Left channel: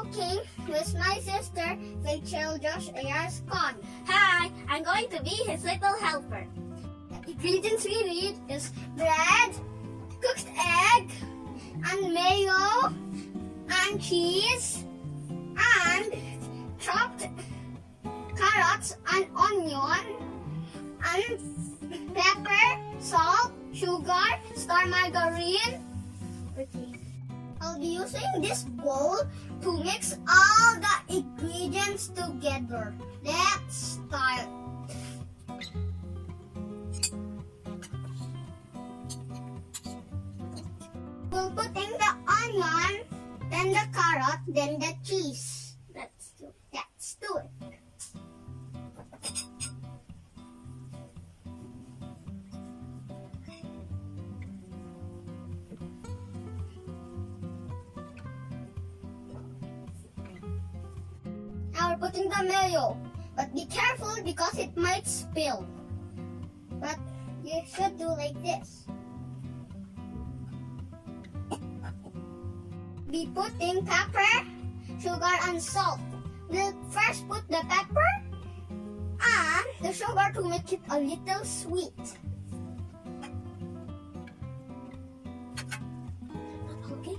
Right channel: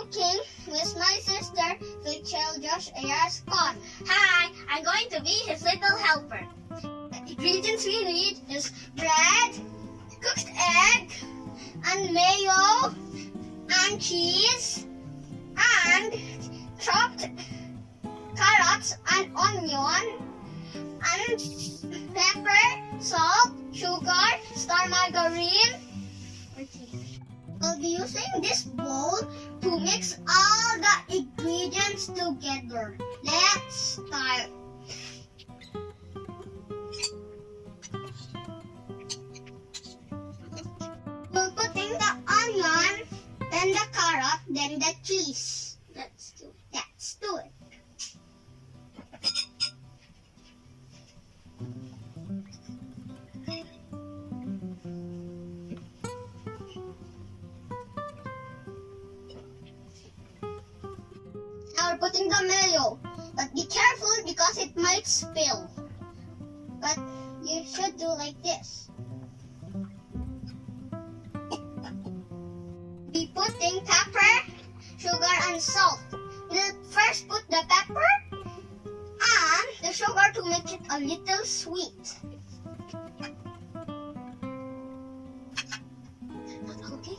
cooking with my sister, Rachel Josh A.R. Scott. Hi, I'm going to be his little helper. The ingredients we need is bread, cooked egg, and mayo, and cheese, and chopped carrots and onion, and pepper, salt, sugar, star margarine. I'll be using this bowl to mix all the ingredients together. Let's start. We'll put in the onion, then the carrot, then the cheese. Let's do it. Now we're putting the mayo, but be careful because it might spill. But you should do like this. Be putting pepper, sugar, and salt. We'll first put the pepper and the sugar to make it a little sweet. Okay.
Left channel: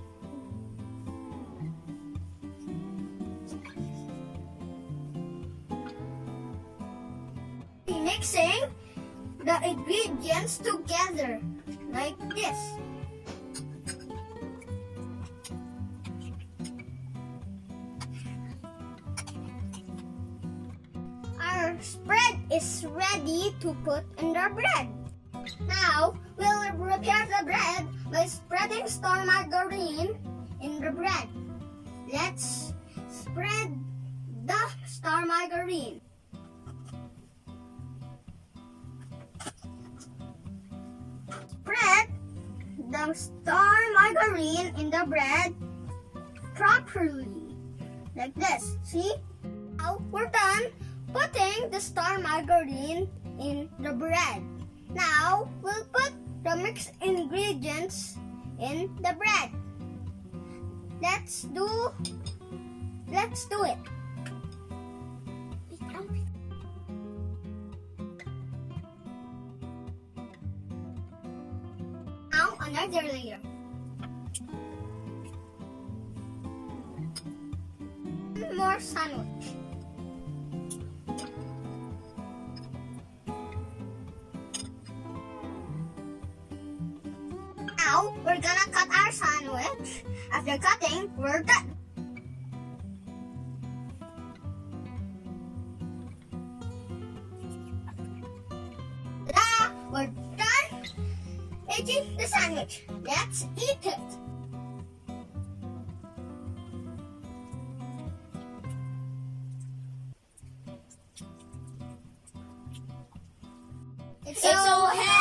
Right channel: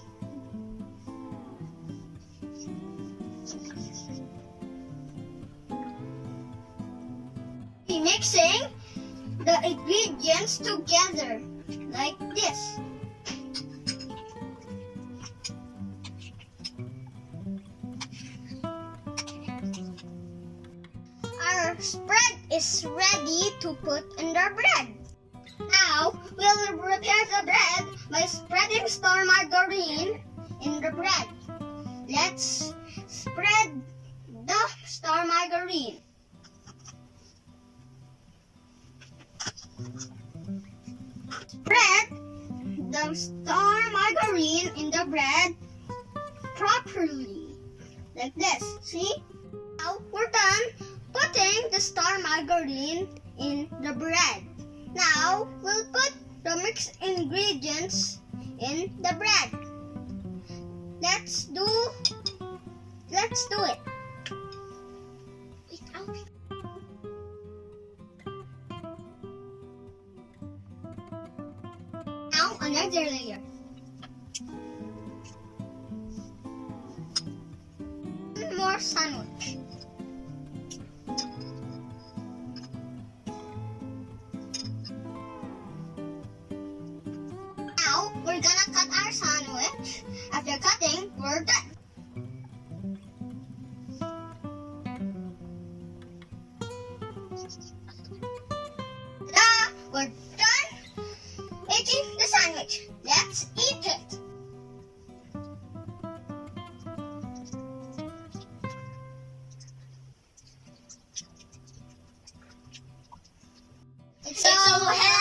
Be mixing the ingredients together like this. Our spread is ready to put in the bread. Now, we'll prepare the bread by spreading star margarine in the bread. Let's spread the star margarine. Spread the star margarine in the bread properly. Like this. See? Now, we're done putting the star margarine in the bread. Now, we'll put the mixed ingredients in the bread. Let's do it. Now, another layer. One more sandwich. Now, we're gonna cut our sandwich. After cutting, we're done. We're done making the sandwich. Let's eat it. It's so heavy.